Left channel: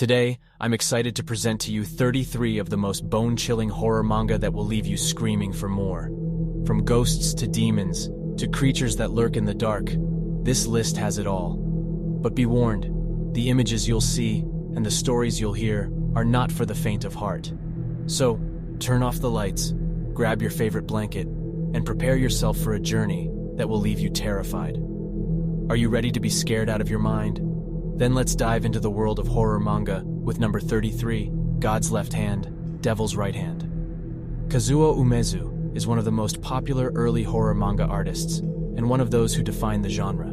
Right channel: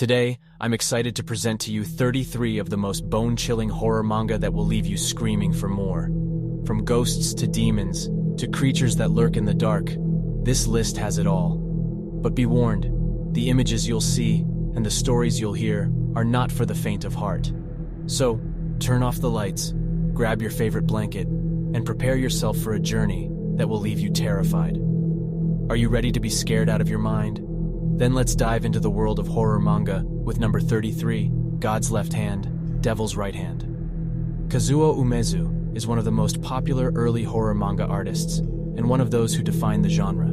Today, I'm excited to present to you 33 of the most bone-chilling horror manga that will leave you screaming for more. From ghosts to demons, to creatures that lurk in the dark, this list has it all. But be warned, the images you'll see and the stories you'll hear are not for the faint of heart. So, turn off the lights, grab your favorite blanket, and prepare yourself for a journey that will leave you terrified. Are you ready to be scared out of your mind? Then let's dive into the world of horror manga with number 33, God's Left Hand, Devil's Right Hand. Kazuo Umezu is one of the most popular early horror manga artists, and one of those who defined the genre.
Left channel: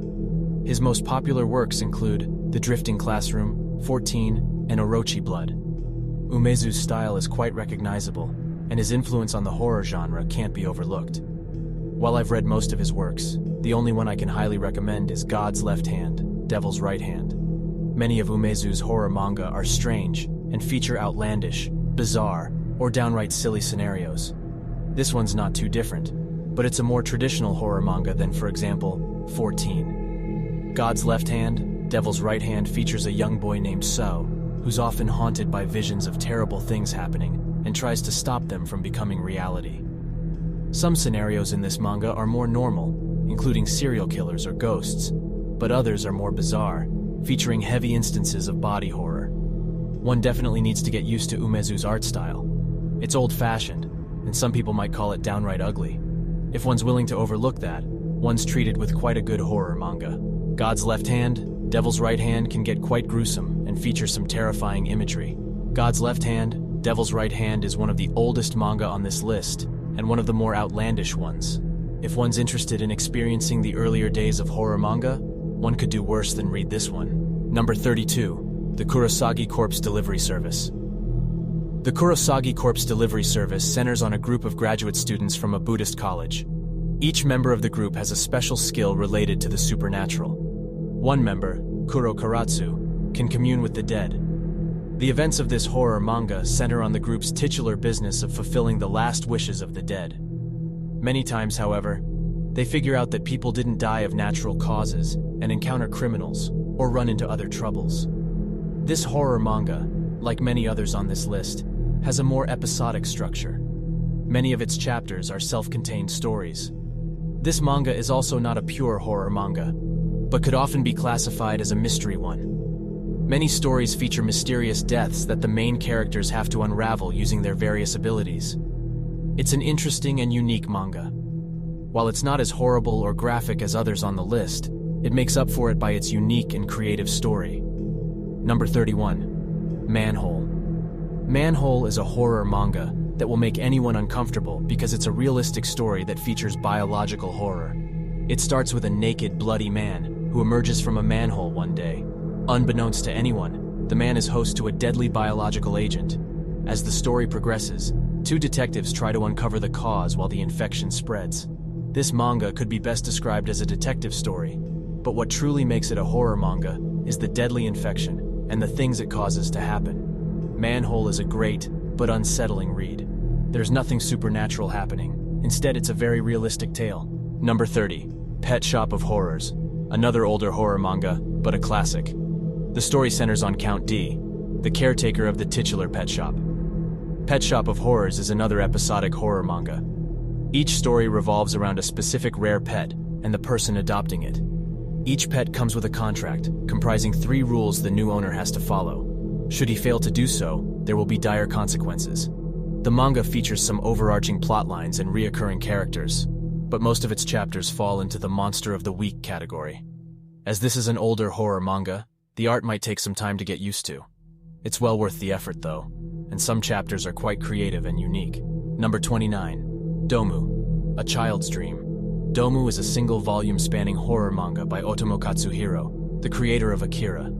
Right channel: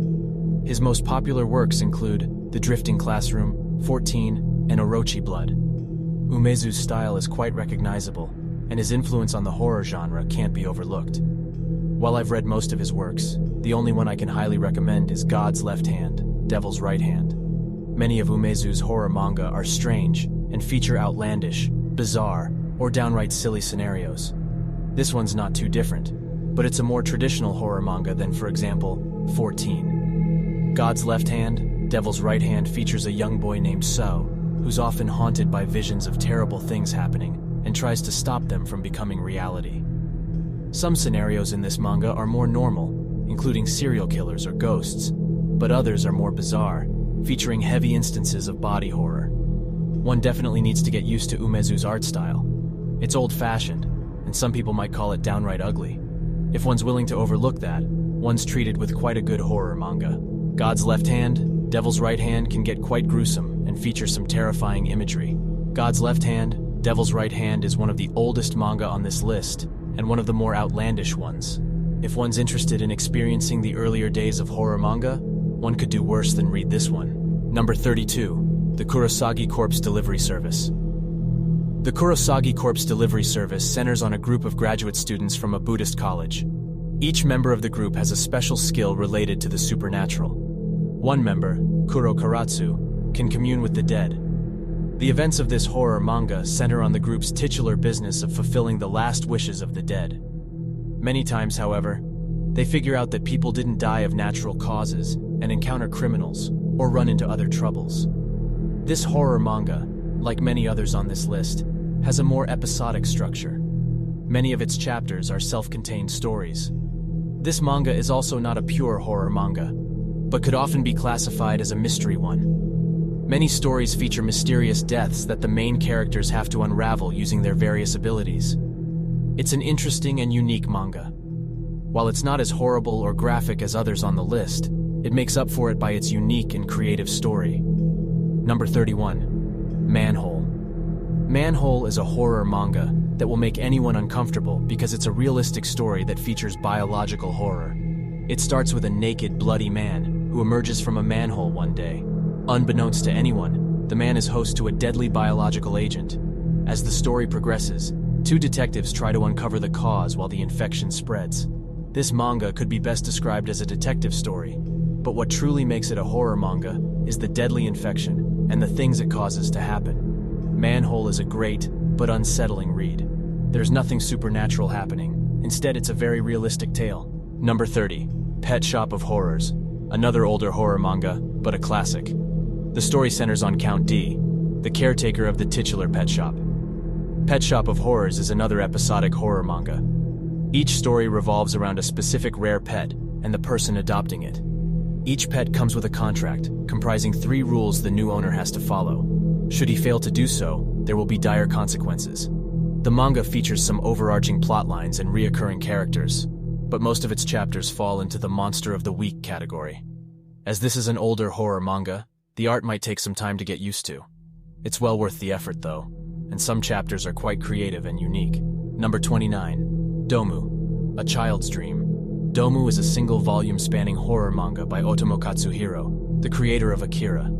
His most popular works include The Drifting Classroom, 14, and Orochi Blood. Umezu's style is quite recognizable, and his influence on the horror genre can't be overlooked. While I've read most of his works, the only one I can highly recommend is God's Left Hand, Devil's Right Hand. Many of Umezu's horror manga are strange and feature outlandish, bizarre, or downright silly scenarios. This one's not too different, but it's a more traditional horror manga than, for example, 14. God's Left Hand, Devil's Right Hand features a young boy named So, who's often haunted by visions of terrible things happening and tries to stop them from becoming reality. Some scenarios in this manga are more normal, including serial killers or ghosts, but others are more bizarre, featuring heavy instances of body horror. One definitely needs to get used to Umezu's art style. It's old-fashioned, and some people might call it downright ugly. If one's willing to overlook that, one's treated with quite a good horror manga. God's Left Hand, Devil's Right Hand can get quite gruesome and feature some terrifying imagery. God's Left Hand, Devil's Right Hand is one of the oldest manga on this list, and one of the more outlandish ones. If one's interested in experiencing the earlier days of horror manga, one could do worse than read this one. Number 32, The Kurosagi Corpse Delivery Service. The Kurosagi Corpse Delivery Service centers on a group of graduate students from a Buddhist college. Each member of the group has a special skill related to the supernatural. One member, Kuro Karatsu, can commune with the dead. The events of this horror manga center on the group's titular business of fulfilling the last wishes of the dead. Many times, however, they figure out that people didn't die of natural causes and encounter criminals or run into other troubles. This horror manga, like many others on this list, has a more episodic structure. Many of its chapters are self-contained stories. This manga is also not a pure horror manga, but could often be classified as a mystery one. Many stories feature mysterious deaths that the main characters have to unravel using their various abilities. It's an interesting and unique manga. While it's not as horrible or graphic as others on the list, it makes up for it by its unique and creative story. Number 31. Manhole. Manhole is a horror manga that will make anyone uncomfortable because it's a realistic story that features biological horror. It starts with a naked, bloody man who emerges from a manhole one day. Unbeknownst to anyone, the man is host to a deadly biological agent. As the story progresses, two detectives try to uncover the cause while the infection spreads. This manga could be best described as a detective story, but what truly makes it a horror manga is the deadly infection and the things it causes to happen. Manhole is a great, but unsettling read. There's nothing supernatural happening. Instead, it's a very realistic tale. Number 30. Pet Shop of Horrors. Another older horror manga, but a classic. The story centers on Count D, the caretaker of the titular pet shop. Pet Shop of Horrors is another episodic horror manga. Each story revolves around a specific rare pet and the person adopting it. Each pet comes with a contract, comprising 3 rules the new owner has to follow. Should he fail to do so, there will be dire consequences. The manga features some overarching plot lines and reoccurring characters, but most of its chapters fall into the Monster of the Week category. As this is an older horror manga, the art might take some time to get used to. It's well worth the effort, though, and some chapters are quite creative and unique. Number 29. Domu, A Child's Dream. Domu is a single-volume spanning horror manga by Otomo Katsuhiro, the creator of Akira.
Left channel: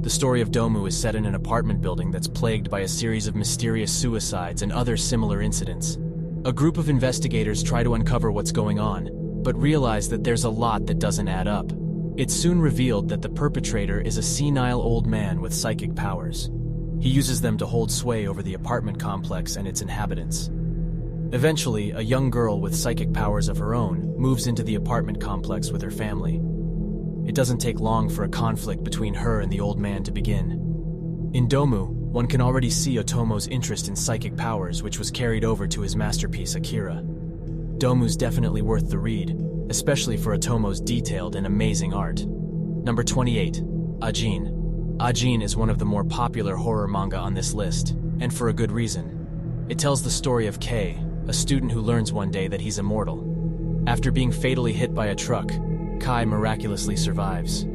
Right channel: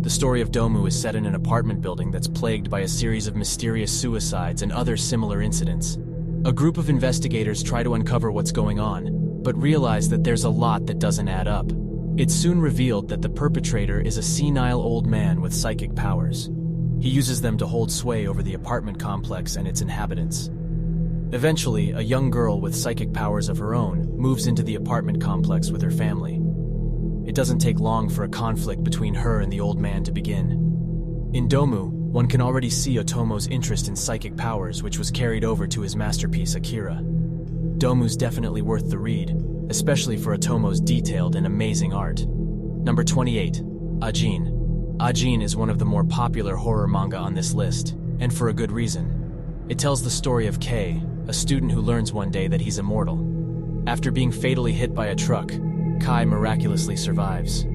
The story of Domu is set in an apartment building that's plagued by a series of mysterious suicides and other similar incidents. A group of investigators try to uncover what's going on, but realize that there's a lot that doesn't add up. It's soon revealed that the perpetrator is a senile old man with psychic powers. He uses them to hold sway over the apartment complex and its inhabitants. Eventually, a young girl with psychic powers of her own moves into the apartment complex with her family. It doesn't take long for a conflict between her and the old man to begin. In Domu, one can already see Otomo's interest in psychic powers, which was carried over to his masterpiece Akira. Domu's definitely worth the read, especially for Otomo's detailed and amazing art. Number 28. Ajin. Ajin is one of the more popular horror manga on this list, and for a good reason. It tells the story of Kei, a student who learns one day that he's immortal. After being fatally hit by a truck, Kai miraculously survives.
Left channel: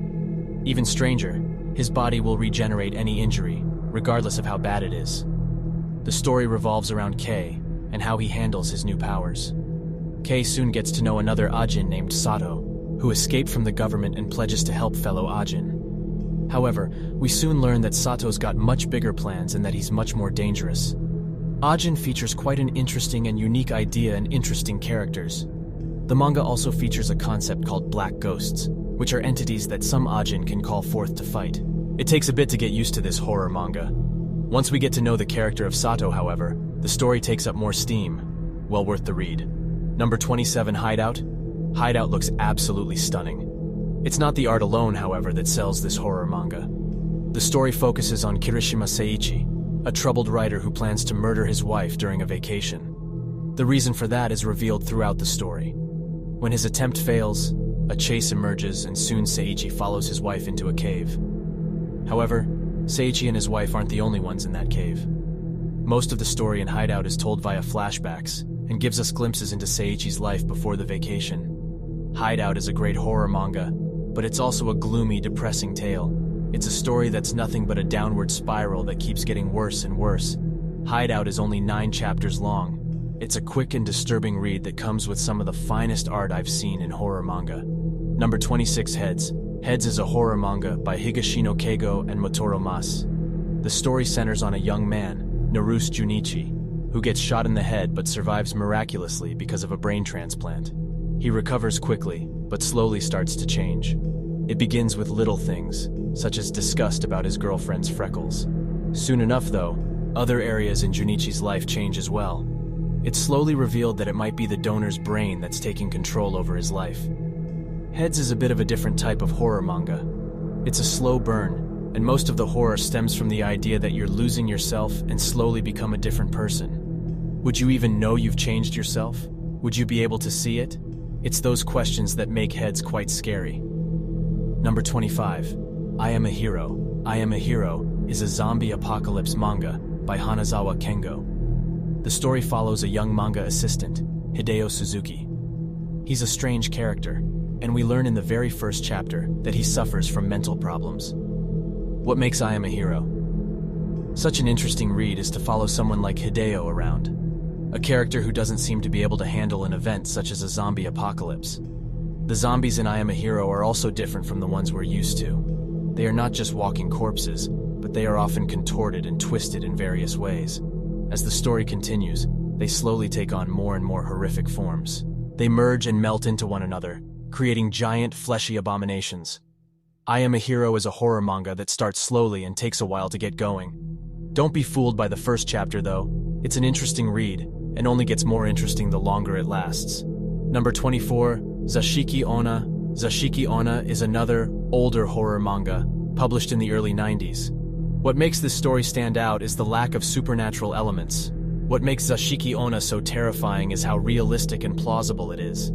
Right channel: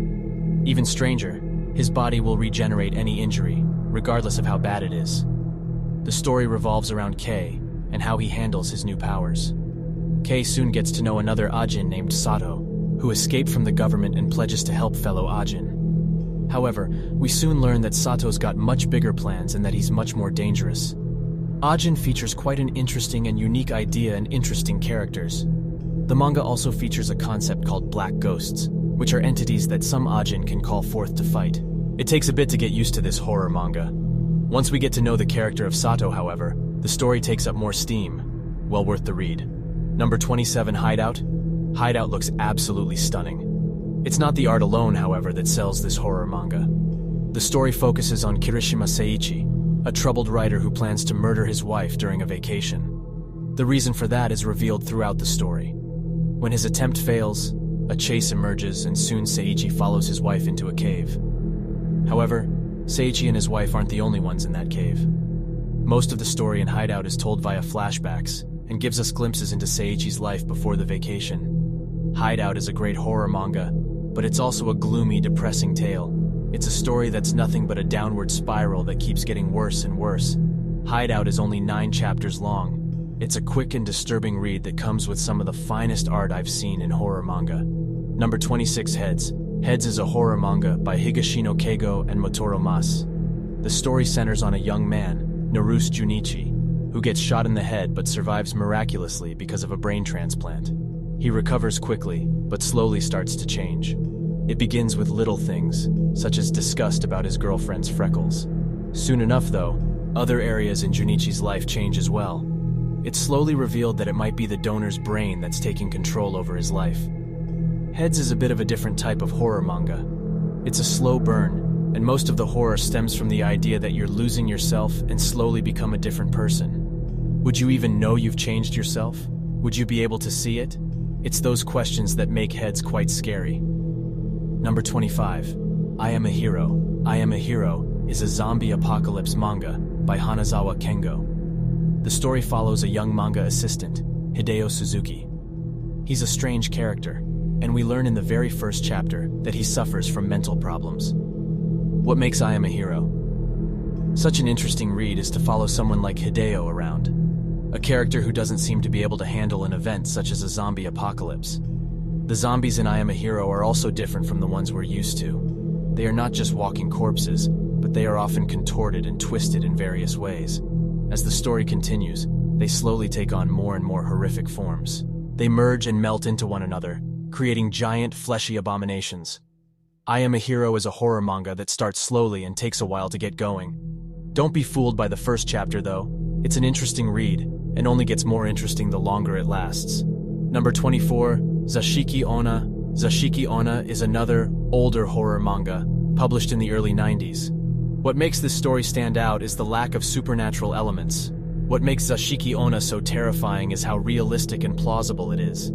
Even stranger, his body will regenerate any injury, regardless of how bad it is. The story revolves around Kei and how he handles his new powers. Kei soon gets to know another Ajin named Sato, who escaped from the government and pledges to help fellow Ajin. However, we soon learn that Sato's got much bigger plans and that he's much more dangerous. Ajin features quite an interesting and unique idea and interesting characters. The manga also features a concept called black ghosts, which are entities that some Ajin can call forth to fight. It takes a bit to get used to this horror manga. Once we get to know the character of Sato, however, the story takes up more steam. Well worth the read. Number 27, Hideout. Hideout looks absolutely stunning. It's not the art alone, however, that sells this horror manga. The story focuses on Kirishima Seiichi, a troubled writer who plans to murder his wife during a vacation. The reason for that is revealed throughout the story. When his attempt fails, a chase emerges and soon Seiichi follows his wife into a cave. However, Seiichi and his wife aren't the only ones in that cave. Most of the story in Hideout is told via flashbacks and gives us glimpses into Seiichi's life before the vacation. Hideout is a great horror manga, but it's also a gloomy, depressing tale. It's a story that's nothing but a downward spiral that keeps getting worse and worse. Hideout is only 9 chapters long. It's a quick and disturbing read that comes with some of the finest art I've seen in horror manga. Number 26, Heads. Heads is a horror manga by Higashino Keigo and Motoro Mas. The story centers on a young man, Naruse Junichi, who gets shot in the head but survives miraculously because of a brain transplant. He recovers quickly, but slowly starts to change. It begins with little things, such as disgust about his girlfriend's freckles. Soon enough, though, other areas in Junichi's life change as well. It's slowly revealed that it might be the donor's brain that's taking control over his life. Heads is a bit of a different type of horror manga. It's a slow burn, and most of the horror stems from the idea that you're losing yourself and slowly become a different person. Would you even know you've changed yourself? Would you be able to see it? It's those questions that make Heads quite scary. Number 25. I Am a Hero. I Am a Hero is a zombie apocalypse manga by Hanazawa Kengo. The story follows a young manga assistant, Hideo Suzuki. He's a strange character, and we learn in the very first chapter that he suffers from mental problems. What makes I Am a Hero such an interesting read is to follow someone like Hideo around, a character who doesn't seem to be able to handle an event such as a zombie apocalypse. The zombies in I Am a Hero are also different from the ones we're used to. They are not just walking corpses, but they are often contorted and twisted in various ways. As the story continues, they slowly take on more and more horrific forms. They merge and melt into one another, creating giant, fleshy abominations. I Am a Hero is a horror manga that starts slowly and takes a while to get going. Don't be fooled by the first chapter, though. It's an interesting read, and only gets more interesting the longer it lasts. Number 24, Zashiki Ona. Zashiki Ona is another, older horror manga, published in the early 90s. What makes this story stand out is the lack of supernatural elements. What makes Zashiki Ona so terrifying is how realistic and plausible it is.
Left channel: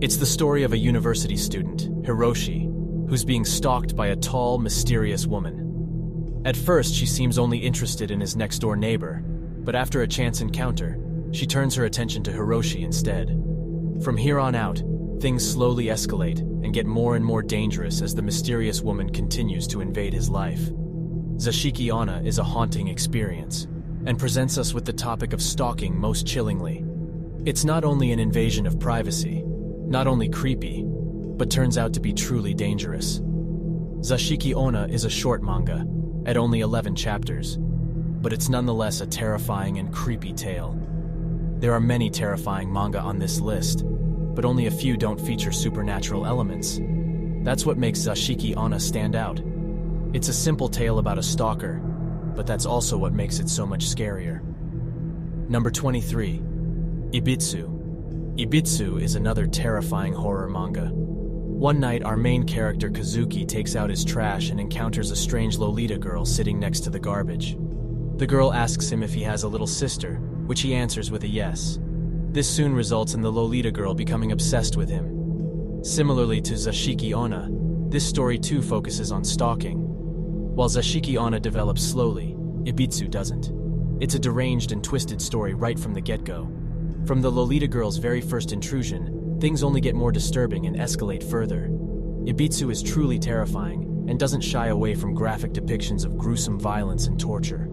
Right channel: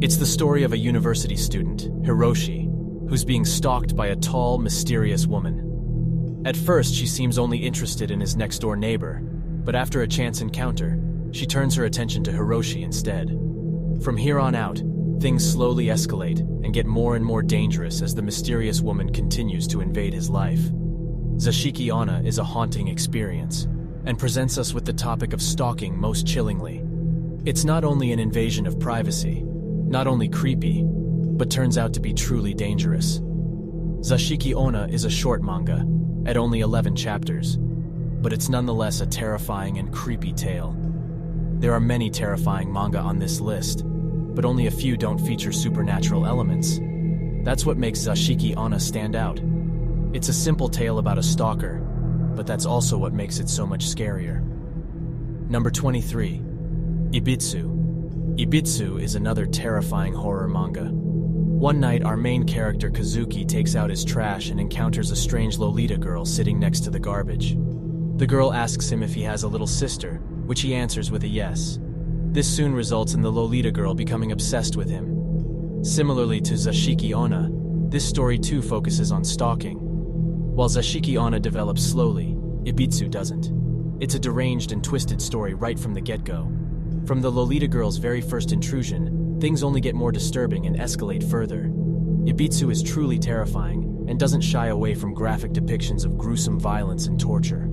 It's the story of a university student, Hiroshi, who's being stalked by a tall, mysterious woman. At first, she seems only interested in his next-door neighbor, but after a chance encounter, she turns her attention to Hiroshi instead. From here on out, things slowly escalate and get more and more dangerous as the mysterious woman continues to invade his life. Zashiki Ona is a haunting experience, and presents us with the topic of stalking most chillingly. It's not only an invasion of privacy, not only creepy, but turns out to be truly dangerous. Zashiki Ona is a short manga, at only 11 chapters, but it's nonetheless a terrifying and creepy tale. There are many terrifying manga on this list, but only a few don't feature supernatural elements. That's what makes Zashiki Ona stand out. It's a simple tale about a stalker, but that's also what makes it so much scarier. Number 23. Ibitsu. Ibitsu is another terrifying horror manga. One night, our main character Kazuki takes out his trash and encounters a strange Lolita girl sitting next to the garbage. The girl asks him if he has a little sister, which he answers with a yes. This soon results in the Lolita girl becoming obsessed with him. Similarly to Zashiki Ona, this story too focuses on stalking. While Zashiki Ona develops slowly, Ibitsu doesn't. It's a deranged and twisted story right from the get-go. From the Lolita girl's very first intrusion, things only get more disturbing and escalate further. Ibitsu is truly terrifying and doesn't shy away from graphic depictions of gruesome violence and torture.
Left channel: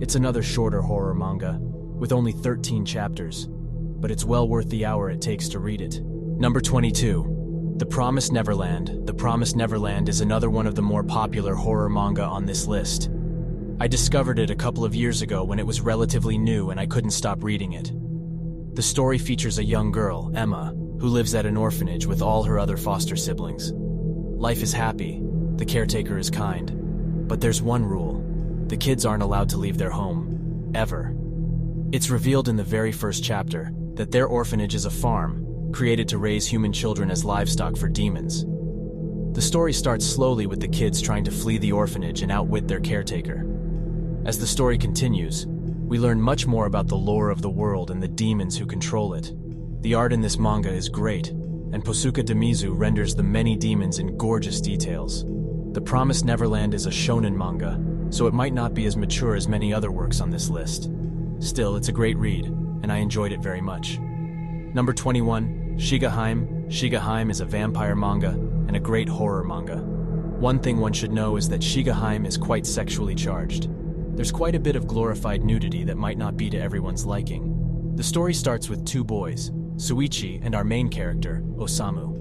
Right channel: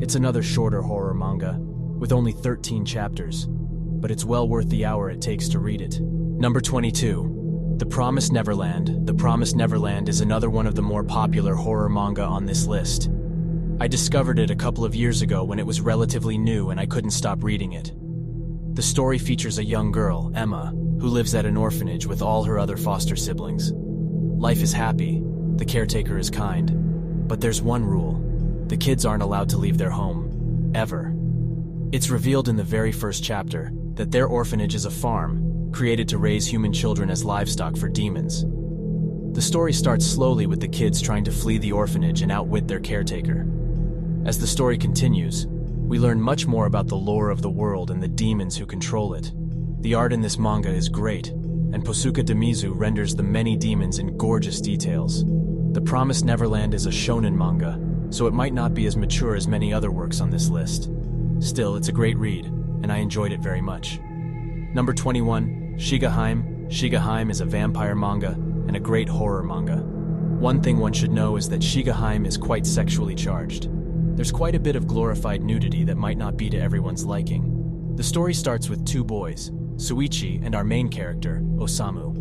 It's another shorter horror manga, with only 13 chapters, but it's well worth the hour it takes to read it. Number 22. The Promised Neverland. The Promised Neverland is another one of the more popular horror manga on this list. I discovered it a couple of years ago when it was relatively new and I couldn't stop reading it. The story features a young girl, Emma, who lives at an orphanage with all her other foster siblings. Life is happy, the caretaker is kind, but there's one rule: the kids aren't allowed to leave their home, ever. It's revealed in the very first chapter that their orphanage is a farm, created to raise human children as livestock for demons. The story starts slowly with the kids trying to flee the orphanage and outwit their caretaker. As the story continues, we learn much more about the lore of the world and the demons who control it. The art in this manga is great, and Posuka Demizu renders the many demons in gorgeous details. The Promised Neverland is a shonen manga, so it might not be as mature as many other works on this list. Still, it's a great read, and I enjoyed it very much. Number 21, Shigaheim. Shigaheim is a vampire manga and a great horror manga. One thing one should know is that Shigaheim is quite sexually charged. There's quite a bit of glorified nudity that might not be to everyone's liking. The story starts with two boys, Suichi and our main character, Osamu.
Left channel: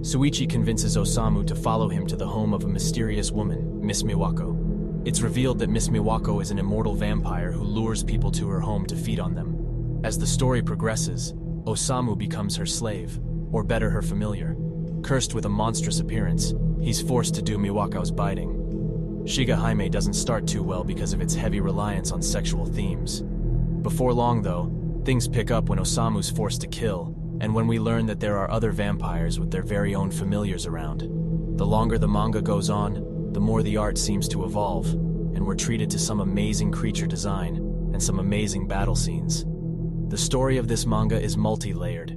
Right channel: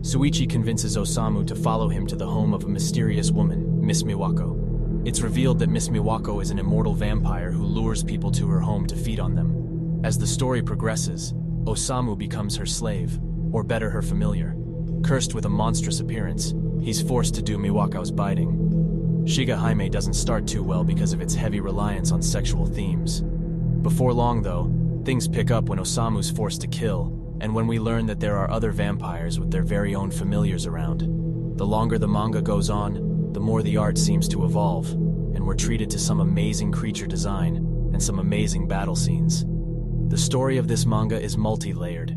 Suichi convinces Osamu to follow him to the home of a mysterious woman, Miss Miwako. It's revealed that Miss Miwako is an immortal vampire who lures people to her home to feed on them. As the story progresses, Osamu becomes her slave, or better, her familiar. Cursed with a monstrous appearance, he's forced to do Miwako's bidding. Shigaheim doesn't start too well because of its heavy reliance on sexual themes. Before long, though, things pick up when Osamu's forced to kill, and when we learn that there are other vampires with their very own familiars around. The longer the manga goes on, the more the art seems to evolve, and we're treated to some amazing creature design and some amazing battle scenes. The story of this manga is multi-layered.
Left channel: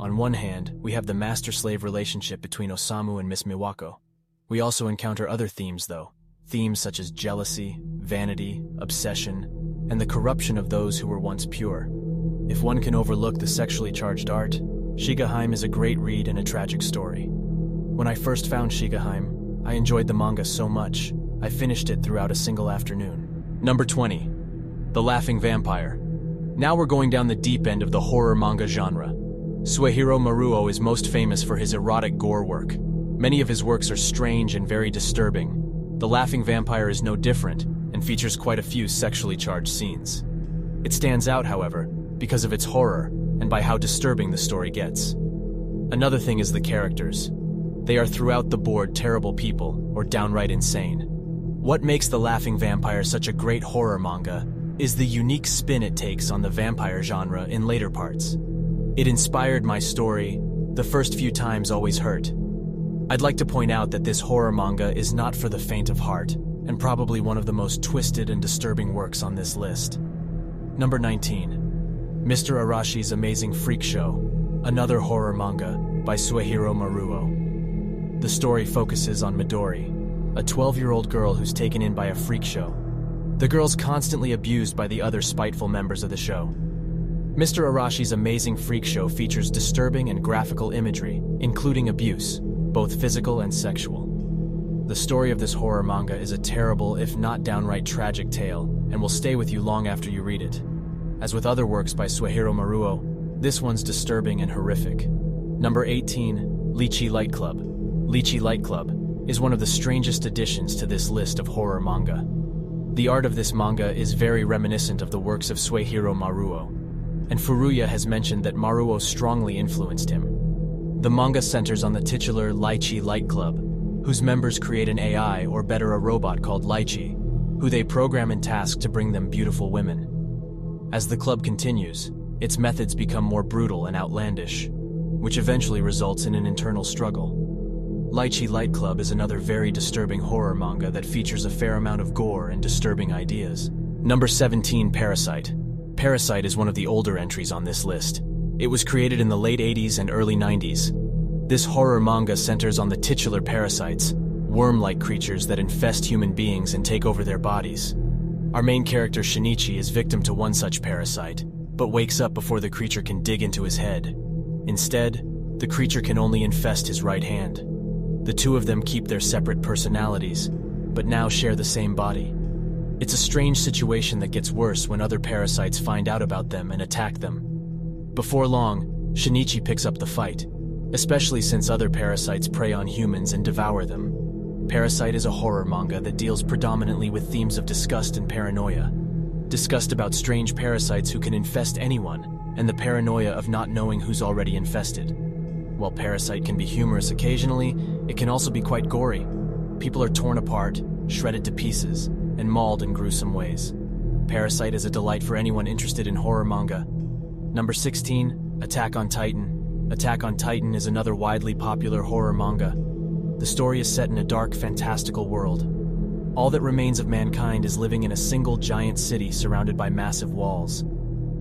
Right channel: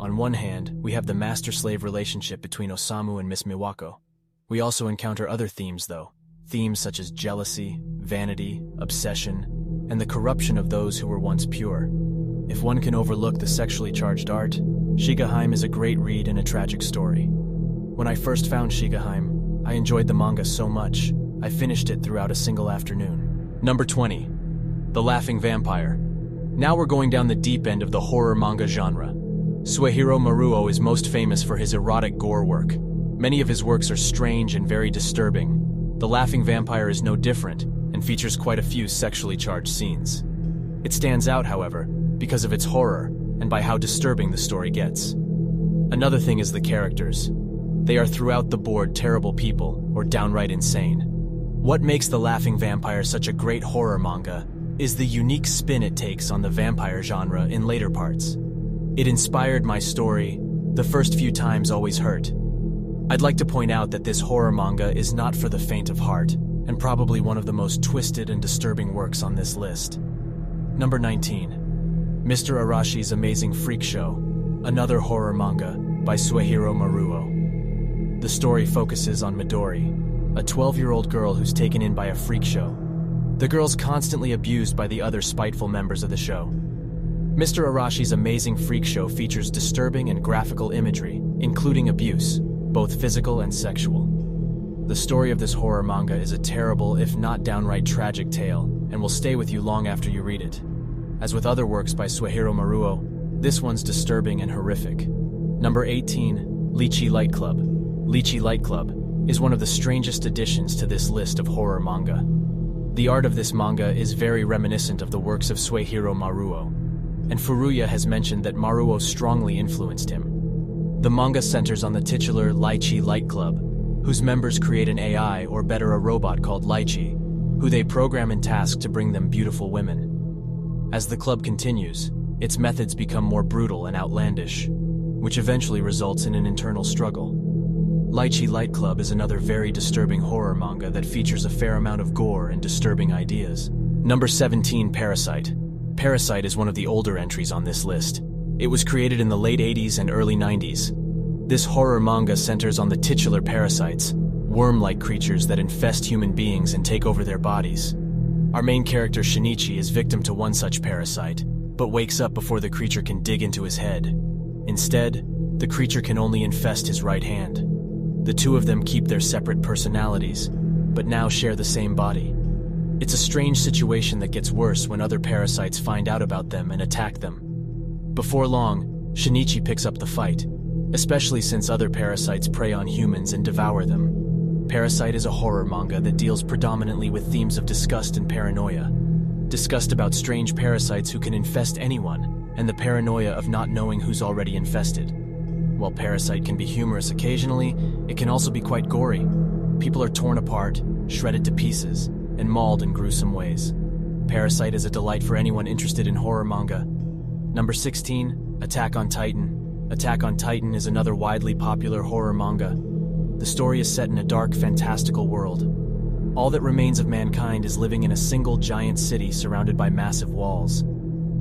On one hand, we have the master-slave relationship between Osamu and Miss Miwako. We also encounter other themes, though. Themes such as jealousy, vanity, obsession, and the corruption of those who were once pure. If one can overlook the sexually charged art, Shigaheim is a great read and a tragic story. When I first found Shigaheim, I enjoyed the manga so much, I finished it throughout a single afternoon. Number 20. The Laughing Vampire. Now we're going down the deep end of the horror manga genre. Suehiro Maruo is most famous for his erotic gore work. Many of his works are strange and very disturbing. The Laughing Vampire is no different, and features quite a few sexually charged scenes. It stands out, however, because of its horror, and by how disturbing the story gets. Another thing is the characters. They are throughout the board terrible people, or downright insane. What makes The Laughing Vampire such a great horror manga is the unique spin it takes on the vampire genre in later parts. It inspired my story. The first few times always hurt. I'd like to point out that this horror manga is not for the faint of heart, and probably one of the most twisted and disturbing works on this list. Number 19. Mr. Arashi's Amazing Freak Show, another horror manga by Suehiro Maruo. The story focuses on Midori, a 12-year-old girl who's taken in by a freak show. The girl's constantly abused by the other spiteful members of the show. Mr. Arashi's Amazing Freak Show features disturbing and graphical imagery, including abuse, both physical and sexual. The story of this horror manga is a terrible, if not downright tragic tale, and will stay with you long after you read it. As with other works by Suehiro Maruo, this one's disturbing and horrific. Number 18, Lychee Light Club. Lychee Light Club is one of the strangest additions to this list of horror manga. The art of this manga is very reminiscent of the works of Suehiro Maruo, and Furuya has mentioned that Maruo strongly influenced him. The manga centers on the titular Lychee Light Club, whose members create an AI, or better a robot called Lychee, who they program and task to bring them beautiful women. As the club continues, its methods become more brutal and outlandish, which eventually results in an internal struggle. Lychee Light Club is another very disturbing horror manga that features a fair amount of gore and disturbing ideas. Number 17, Parasite. Parasite is one of the older entries on this list. It was created in the late 80s and early 90s. This horror manga centers on the titular parasites, worm-like creatures that infest human beings and take over their bodies. Our main character Shinichi is victim to one such parasite, but wakes up before the creature can dig into his head. Instead, the creature can only infest his right hand. The two of them keep their separate personalities, but now share the same body. It's a strange situation that gets worse when other parasites find out about them and attack them. Before long, Shinichi picks up the fight, especially since other parasites prey on humans and devour them. Parasite is a horror manga that deals predominantly with themes of disgust and paranoia. Disgust about strange parasites who can infest anyone, and the paranoia of not knowing who's already infested. While Parasite can be humorous occasionally, it can also be quite gory. People are torn apart, shredded to pieces, and mauled in gruesome ways. Parasite is a delight for anyone interested in horror manga. Number 16, Attack on Titan. Attack on Titan is another widely popular horror manga. The story is set in a dark, fantastical world. All that remains of mankind is living in a single giant city surrounded by massive walls.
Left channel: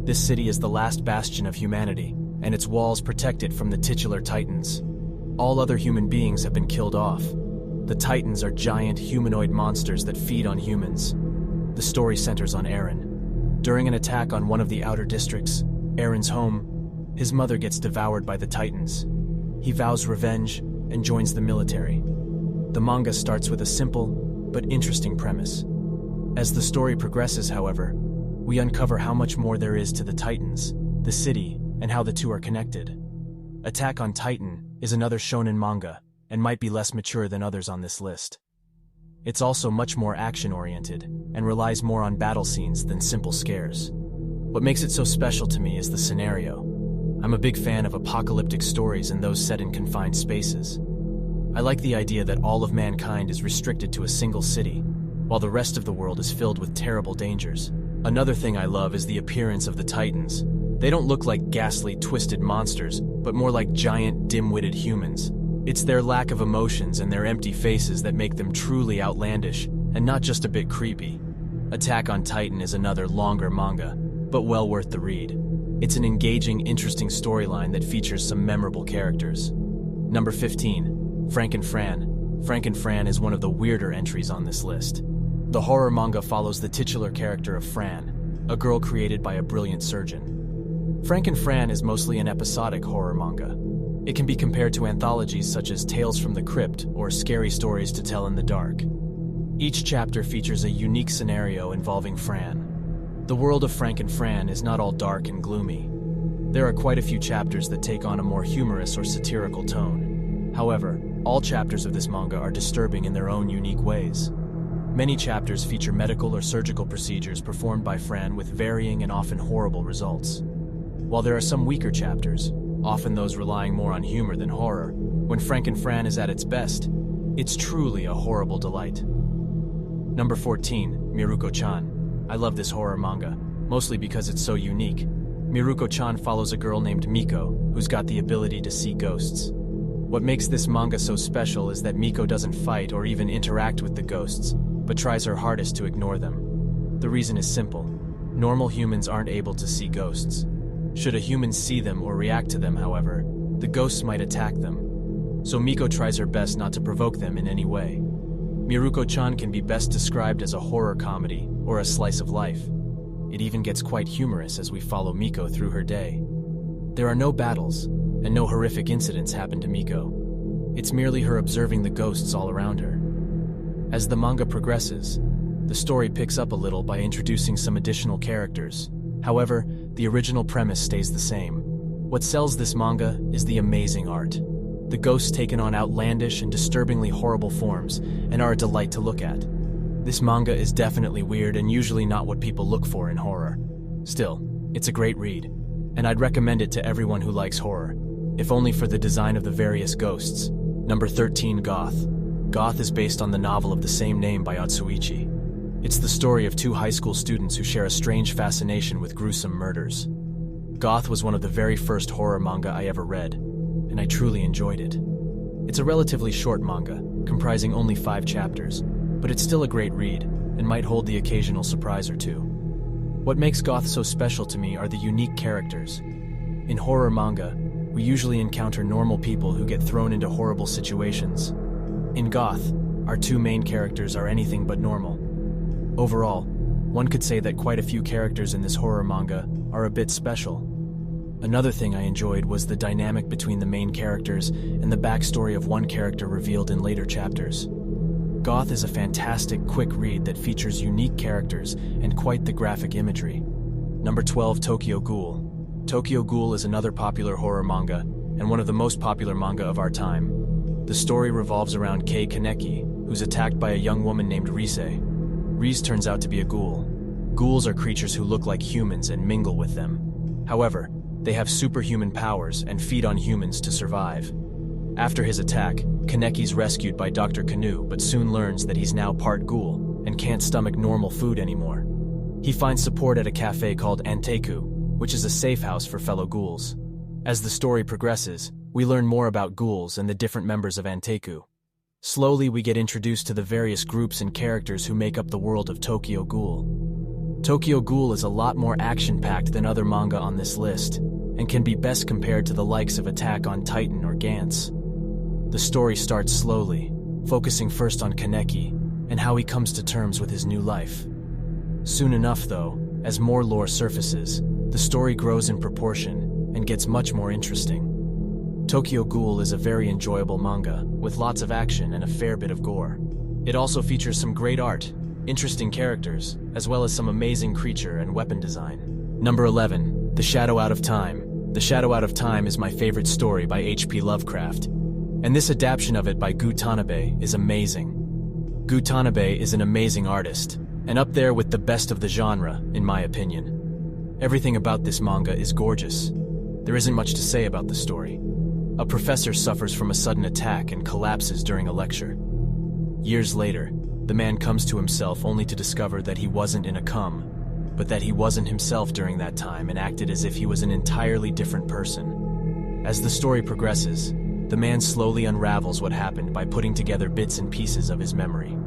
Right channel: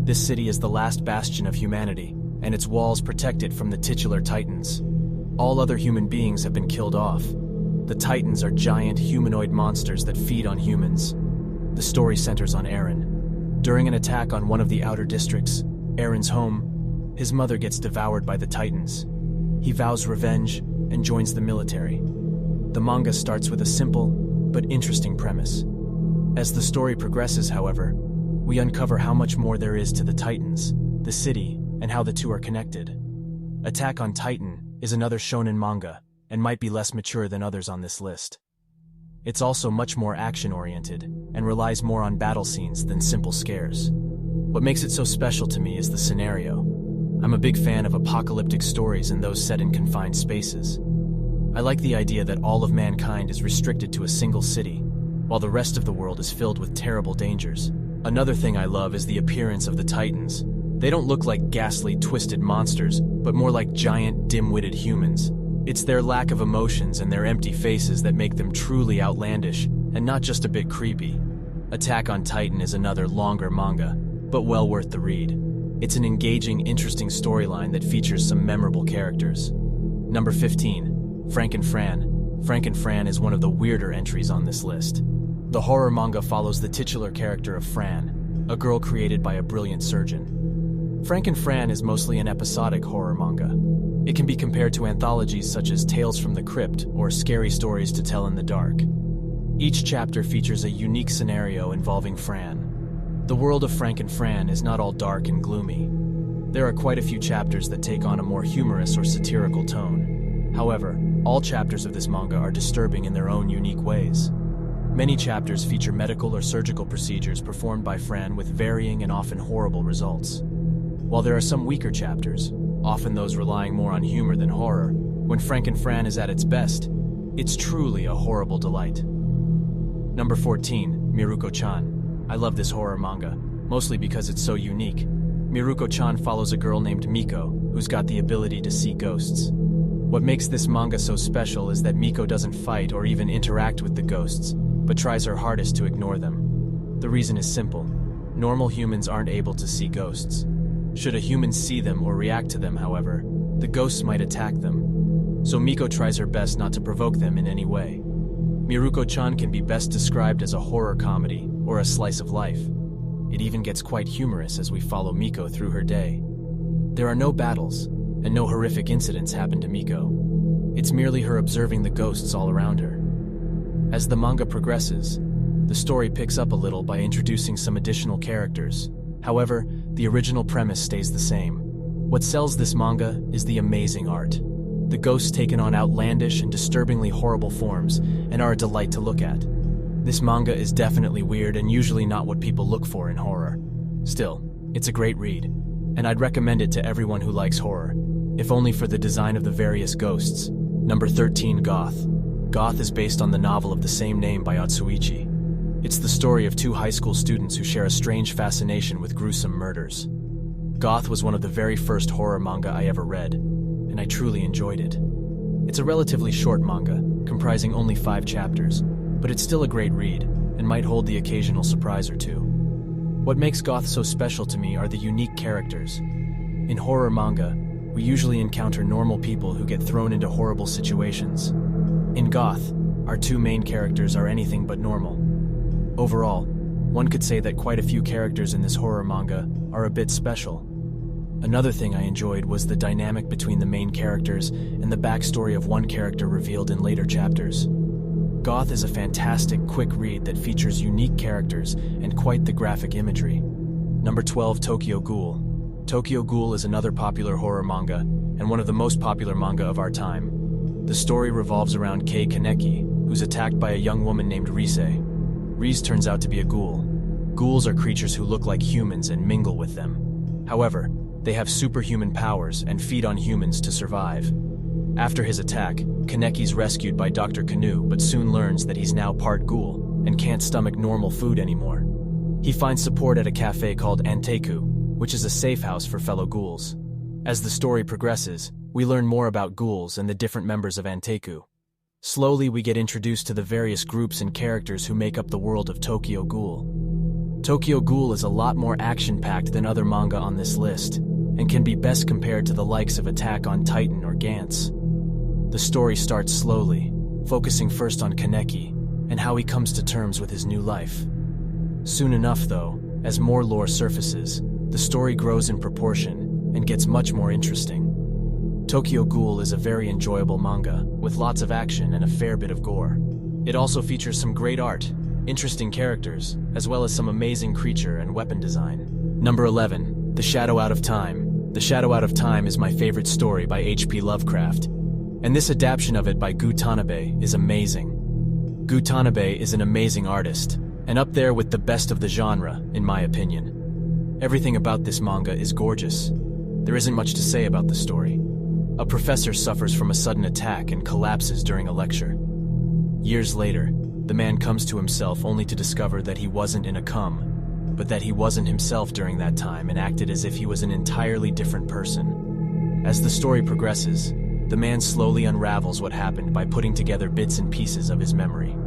This city is the last bastion of humanity, and its walls protect it from the titular Titans. All other human beings have been killed off. The Titans are giant humanoid monsters that feed on humans. The story centers on Eren. During an attack on one of the outer districts, Eren's home, his mother gets devoured by the Titans. He vows revenge and joins the military. The manga starts with a simple but interesting premise. As the story progresses, however, we uncover how much more there is to the Titans, the city, and how the two are connected. Attack on Titan is another shonen manga, and might be less mature than others on this list. It's also much more action-oriented, and relies more on battle scenes than simple scares. What makes it so special to me is the scenario. I'm a big fan of apocalyptic stories and those set in confined spaces. I like the idea that all of mankind is restricted to a single city, while the rest of the world is filled with terrible dangers. Another thing I love is the appearance of the Titans. They don't look like ghastly, twisted monsters, but more like giant, dim-witted humans. It's their lack of emotions and their empty faces that make them truly outlandish, and not just a bit creepy. Attack on Titan is another longer manga, but well worth the read. It's an engaging, interesting storyline that features some memorable characters. Number 15, Frank and Fran. Frank and Fran is one of the weirder entries on this list. The horror manga follows the titular character of Fran, a girl created by a brilliant surgeon. Frank and Fran is mostly an episodic horror manga. It can be compared to anthologies such as Tales from the Crypt or Scary Stories to Tell in the Dark. Each chapter features a unique scenario involving Fran. The world of Frank and Fran is not all dark and gloomy. There are quite a few chapters that take on a more humorous or satirical tone. However, all chapters of this manga are disturbing in their own unique ways. Many chapters feature medical or surgical procedures performed by Fran with varying and often horrible results. While there are some weaker chapters, often those relying more on humor than horror, when Frank and Fran is at its best, it's truly a horrible delight. Number 14, Mirukochan. I love this horror manga, mostly because it's so unique. Mirukochan follows a girl named Miko, who's got the ability to see ghosts. What makes this manga so special is that Miko doesn't fight or even interact with the ghosts, but tries her hardest to ignore them. The reason is simple. Normal humans aren't able to see ghosts. Should a human see them or react to them, however, the ghosts might attack them. So Miko tries her best not to provoke them in any way. Mirukochan can be best described as a horror comedy or a slice of life. It even gets quite humorous as we follow Miko through her day. There are no battles, and no horrific incidents happen to Miko. It's merely her observing the ghosts all around her. As the manga progresses, the story picks up a little by introducing some additional characters. However, the original premise stays the same. What sells this manga is the amazing art. The ghosts taken on outlandish and disturbingly horrible forms and are a delight to look at. This manga is definitely weird and usually not what people look for in horror. Still, it's a great read, and I'd recommend it to everyone who likes horror, if only for the design of the various ghosts. Number 13, Goth. Goth is based on the novel of the same name by Otsuichi. It's the story of two high school students who share a strange fascination with gruesome murders. Goth was one of the very first horror manga I ever read, and I truly enjoyed it. It's a relatively short manga, comprising only 5 chapters, but it's still a great read, and might hold the occasional surprise or two. What makes Goth so special to me are the unique characters. In horror manga, we usually encounter normal people who get thrown into horrible situations. In Goth, our 2 main characters are anything but normal. Overall, one could say that quite a few characters in this horror manga are a bit special. Another thing I enjoyed was the dynamic between the main characters and the backstory of one character revealed in later chapters. Goth is a fantastic, quick read that features unique characters and quite the graphic imagery. Number 12, Tokyo Ghoul. Tokyo Ghoul is another popular horror manga, and one of the most popular manga of our time. The story revolves around Kei Kaneki, who's attacked by a young woman named Rise. Rise turns out to be a ghoul. Ghouls are creatures who look like humans and mingle with them. However, they have superhuman powers and feed on humans to survive. After his attack, Kaneki's rescued by Dr. Kanu, but soon learns that he's now part ghoul and can't stomach normal food anymore. He finds support at a cafe called Anteku, which is a safe house for fellow ghouls. As the story progresses, we learn more about ghouls and the different members of Anteku. Slowly, we get introduced to the various groups and characters who make up the world of Tokyo Ghoul. Tokyo Ghoul is a lot more action-packed than other manga on this list, and can be best compared to the likes of Attack on Titan or Gantz. The story starts slowly, focusing first on Kaneki and how he comes to terms with his new life. Soon enough, though, as more lore surfaces, the story grows in proportion and gets much more interesting. Tokyo Ghoul is a very enjoyable manga, with lots of action and a fair bit of gore. It also features some great art, interesting characters, as well as some amazing creature and weapon design. Number 11. The Shadow Out of Time. The Shadow Out of Time is my favorite story by H.P. Lovecraft, and this adaptation of it by Gu Tanabe is amazing. Gu Tanabe is an amazing artist, and up there with the best of the genre, in my opinion. Everything about this manga is gorgeous. There isn't much to say about the story. A professor suffers from a sudden attack and collapses during a lecture. Years later, the man comes to himself only to discover that he wasn't in a coma, but that he wasn't himself during that time and acted as if he was an entirely different person. As the story progresses, the man slowly unravels what happened by putting together bits and pieces of his memory.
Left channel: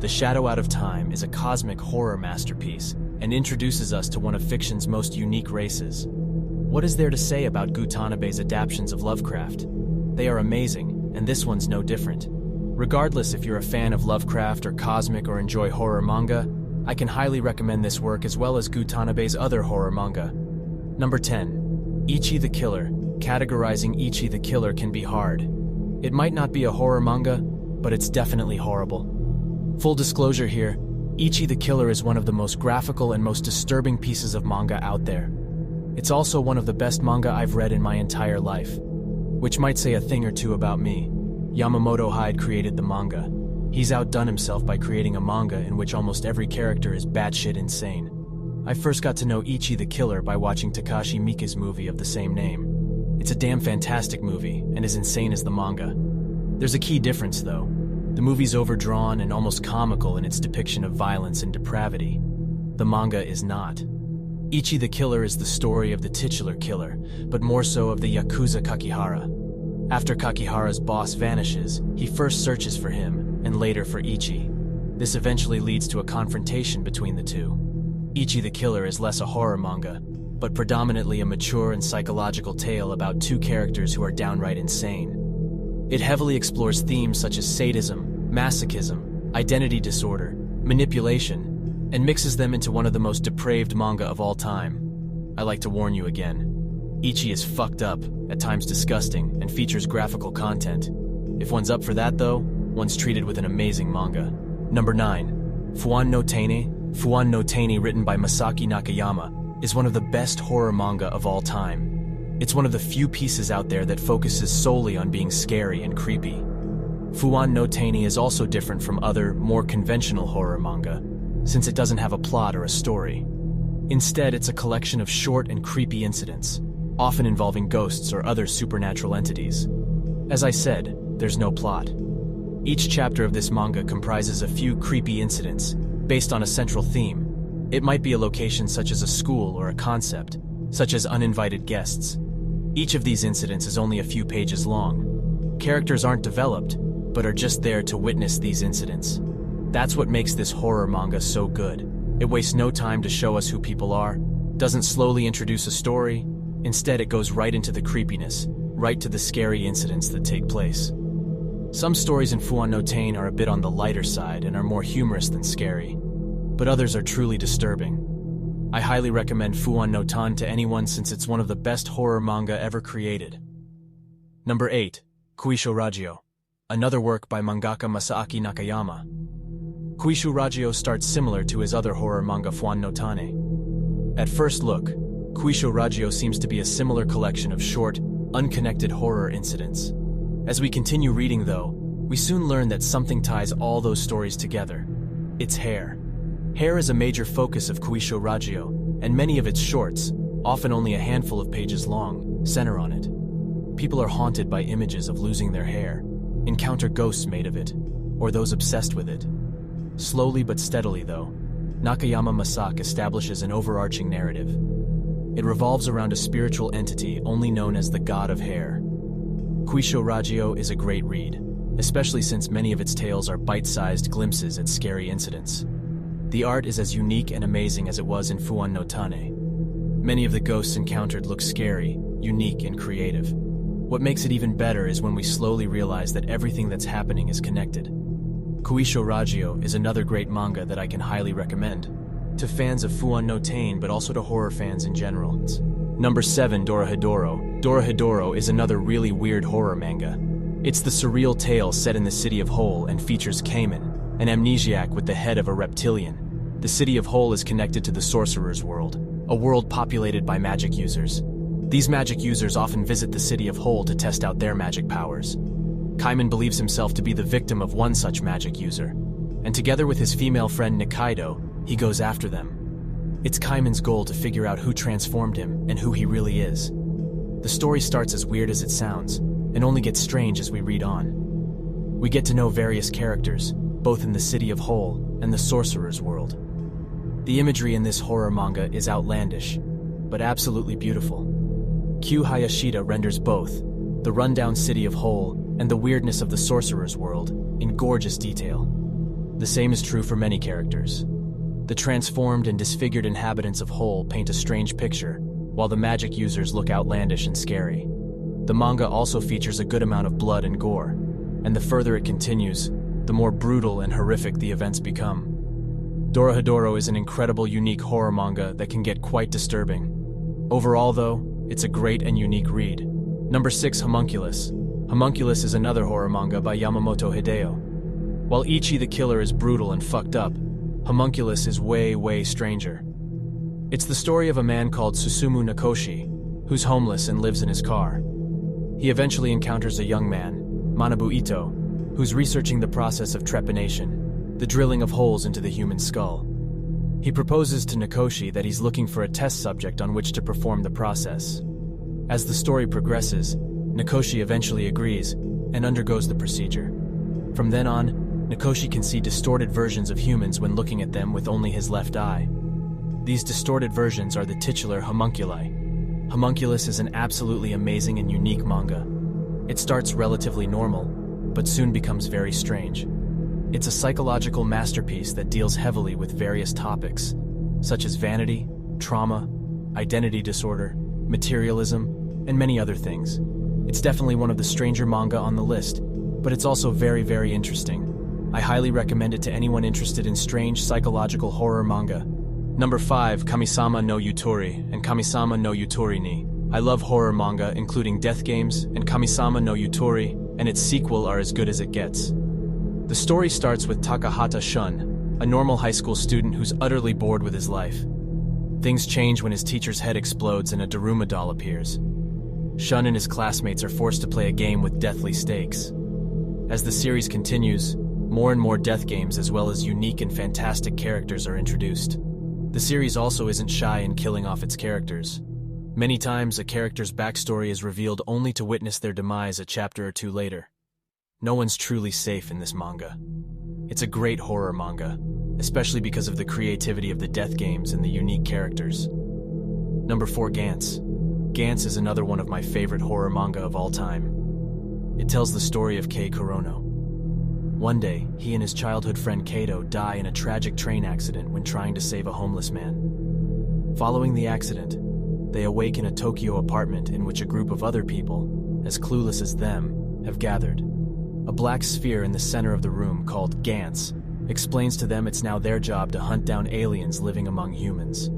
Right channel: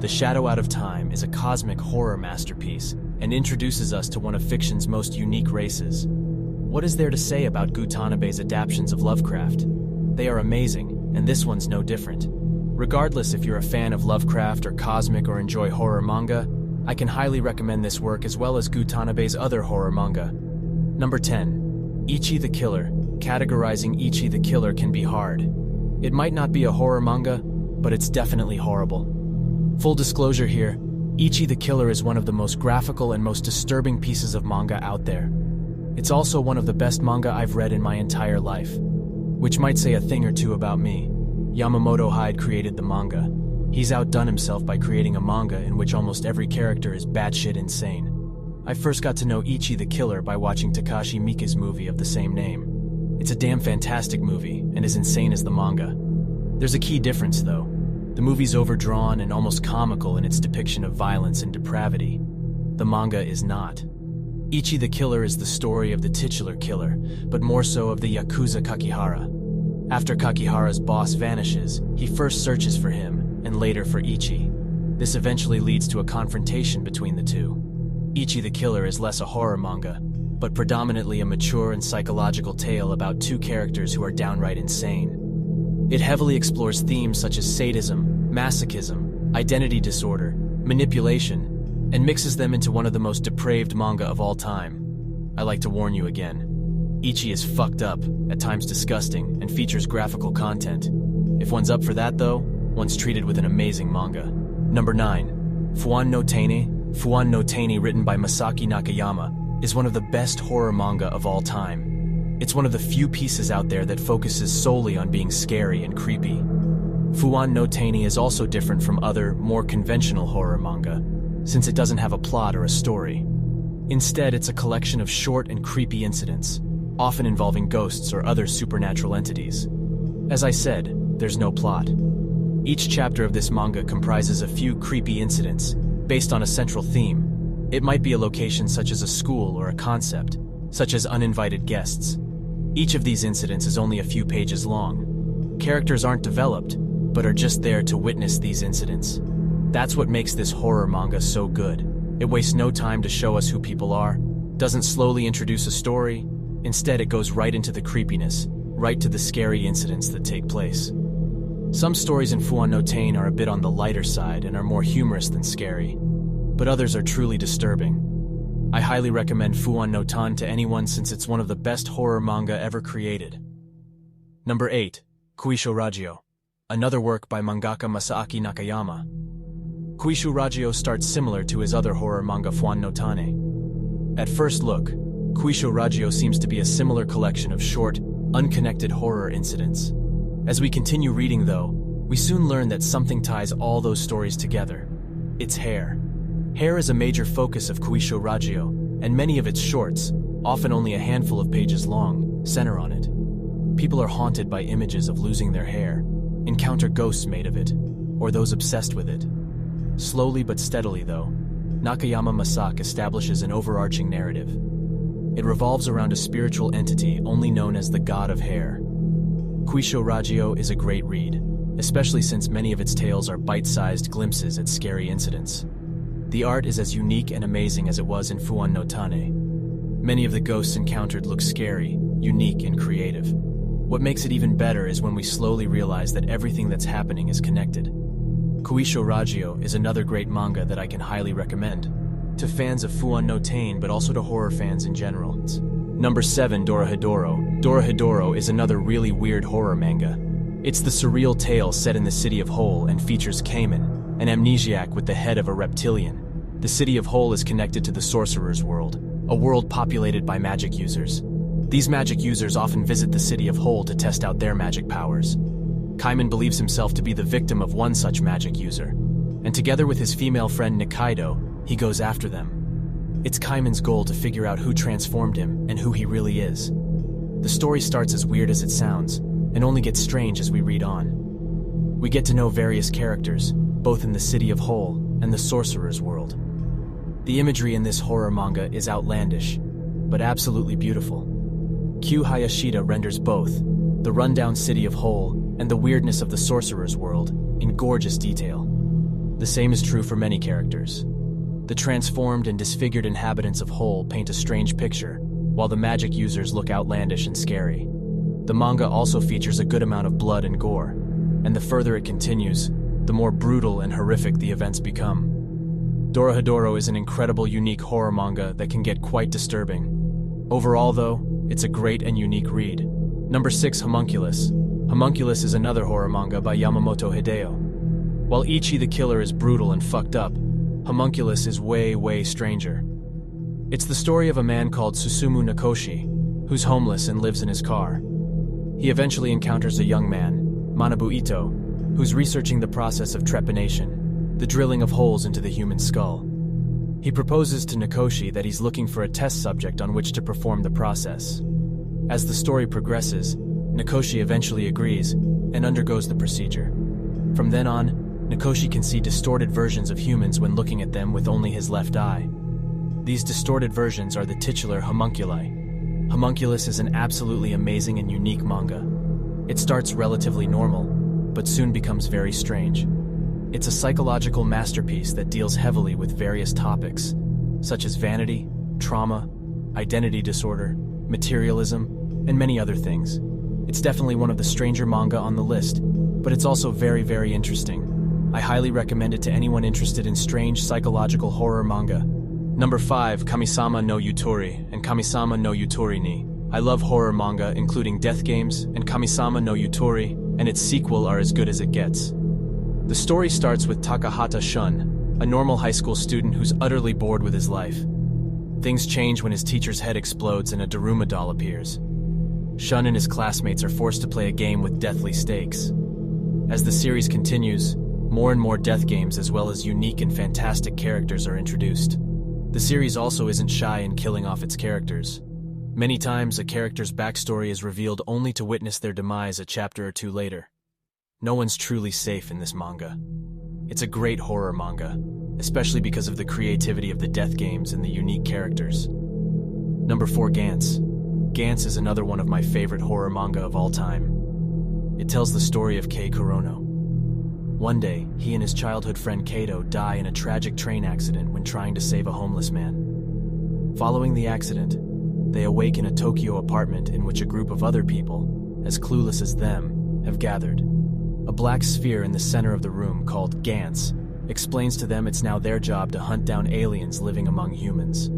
The Shadow Out of Time is a cosmic horror masterpiece and introduces us to one of fiction's most unique races. What is there to say about Gu Tanabe's adaptations of Lovecraft? They are amazing, and this one's no different. Regardless if you're a fan of Lovecraft or cosmic or enjoy horror manga, I can highly recommend this work as well as Gu Tanabe's other horror manga. Number 10. Ichi the Killer. Categorizing Ichi the Killer can be hard. It might not be a horror manga, but it's definitely horrible. Full disclosure here, Ichi the Killer is one of the most graphical and most disturbing pieces of manga out there. It's also one of the best manga I've read in my entire life, which might say a thing or two about me. Yamamoto Hyde created the manga. He's outdone himself by creating a manga in which almost every character is batshit insane. I first got to know Ichi the Killer by watching Takashi Miike's movie of the same name. It's a damn fantastic movie, and as insane as the manga. There's a key difference, though. The movie's overdrawn and almost comical in its depiction of violence and depravity. The manga is not. Ichi the Killer is the story of the titular killer, but more so of the Yakuza Kakihara. After Kakihara's boss vanishes, he first searches for him, and later for Ichi. This eventually leads to a confrontation between the two. Ichi the Killer is less a horror manga, but predominantly a mature and psychological tale about two characters who are downright insane. It heavily explores themes such as sadism, masochism, identity disorder, manipulation, and mixes them into one of the most depraved manga of all time. I like to warn you again. Ichi is fucked up, at times disgusting, and features graphical content. If one's up for that though, one's treated with an amazing manga. Number 9. Fuan Notaini. Fuan Notaini, written by Masaki Nakayama, is one of the best horror manga of all time. It's one of the few pieces out there that focuses solely on being scary and creepy. Fuan Notaini is also different from other, more conventional horror manga, since it doesn't have a plot or a story. Instead, it's a collection of short and creepy incidents, often involving ghosts or other supernatural entities. As I said, there's no plot. Each chapter of this manga comprises a few creepy incidents, based on a central theme. It might be a location such as a school or a concept, such as uninvited guests. Each of these incidents is only a few pages long. Characters aren't developed, but are just there to witness these incidents. That's what makes this horror manga so good. It wastes no time to show us who people are, doesn't slowly introduce a story. Instead, it goes right into the creepiness, right to the scary incidents that take place. Some stories in Fuan Notaini are a bit on the lighter side and are more humorous than scary, but others are truly disturbing. I highly recommend Fuan Notaini to anyone since it's one of the best horror manga ever created. Number 8. Kuisho Ragyo, another work by mangaka Masaaki Nakayama. Kuisho Ragyo starts similar to his other horror manga Fuan Notaini. At first look, Kuisho Ragyo seems to be a similar collection of short, unconnected horror incidents. As we continue reading, though, we soon learn that something ties all those stories together. It's hair. Hair is a major focus of Kuisho Ragyo, and many of its shorts, often only a handful of pages long, center on it. People are haunted by images of losing their hair, encounter ghosts made of it, or those obsessed with it. Slowly but steadily, though, Nakayama Masaaki establishes an overarching narrative. It revolves around a spiritual entity only known as the God of Hair. Kuisho Ragyo is a great read, especially since many of its tales are bite-sized glimpses at scary incidents. The art is as unique and amazing as it was in Fuan Notaini. Many of the ghosts encountered look scary, unique, and creative. What makes it even better is when we slowly realize that everything that's happening is connected. Kuisho Ragyo is another great manga that I can highly recommend to fans of Fuan Notaini, but also to horror fans in general. Number 7. Dora Hadoro. Dora Hadoro is another really weird horror manga. It's the surreal tale set in the city of Hole and features Cayman, an amnesiac with the head of a reptilian. The city of Hole is connected to the sorcerer's world, a world populated by magic users. These magic users often visit the city of Hole to test out their magic powers. Cayman believes himself to be the victim of one such magic user, and together with his female friend Nikaido, he goes after them. It's Cayman's goal to figure out who transformed him and who he really is. The story starts as weird as it sounds, and only gets strange as we read on. We get to know various characters, both in the city of Hole and the sorcerer's world. The imagery in this horror manga is outlandish, but absolutely beautiful. Q Hayashida renders both, the rundown city of Hole and the weirdness of the sorcerer's world, in gorgeous detail. The same is true for many characters. The transformed and disfigured inhabitants of Hole paint a strange picture, while the magic users look outlandish and scary. The manga also features a good amount of blood and gore, and the further it continues, the more brutal and horrific the events become. Dora Hadoro is an incredible, unique horror manga that can get quite disturbing. Overall, though, it's a great and unique read. Number 6. Homunculus. Homunculus is another horror manga by Yamamoto Hideo. While Ichi the Killer is brutal and fucked up, Homunculus is way stranger. It's the story of a man called Susumu Nakoshi, who's homeless and lives in his car. He eventually encounters a young man, Manabu Ito, who's researching the process of trepanation, the drilling of holes into the human skull. He proposes to Nakoshi that he's looking for a test subject on which to perform the process. As the story progresses, Nakoshi eventually agrees and undergoes the procedure. From then on, Nakoshi can see distorted versions of humans when looking at them with only his left eye. These distorted versions are the titular homunculi. Homunculus is an absolutely amazing and unique manga. It starts relatively normal, but soon becomes very strange. It's a psychological masterpiece that deals heavily with various topics, such as vanity, trauma, identity disorder, materialism, and many other things. It's definitely one of the stranger manga on the list, but it's also very interesting. I highly recommend it to anyone interested in strange psychological horror manga. Number 5. Kamisama no Yutori and Kamisama no Yutori ni. I love horror manga, including Death Games and Kamisama no Yutori, and its sequel are as good as it gets. The story starts with Takahata Shun, a normal high school student who's utterly bored with his life. Things change when his teacher's head explodes and a Daruma doll appears. Shun and his classmates are forced to play a game with deathly stakes. As the series continues, more and more death games as well as unique and fantastic characters are introduced. The series also isn't shy in killing off its characters. Many times, a character's backstory is revealed only to witness their demise a chapter or two later. No one's truly safe in this manga. It's a great horror manga, especially because of the creativity of the death games and the unique characters. Number 4. Gantz. Gantz is another one of my favorite horror manga of all time. It tells the story of Kei Kurono. One day, he and his childhood friend Kato die in a tragic train accident when trying to save a homeless man. Following the accident, they awake in a Tokyo apartment in which a group of other people, as clueless as them, have gathered. A black sphere in the center of the room, called Gantz, explains to them it's now their job to hunt down aliens living among humans.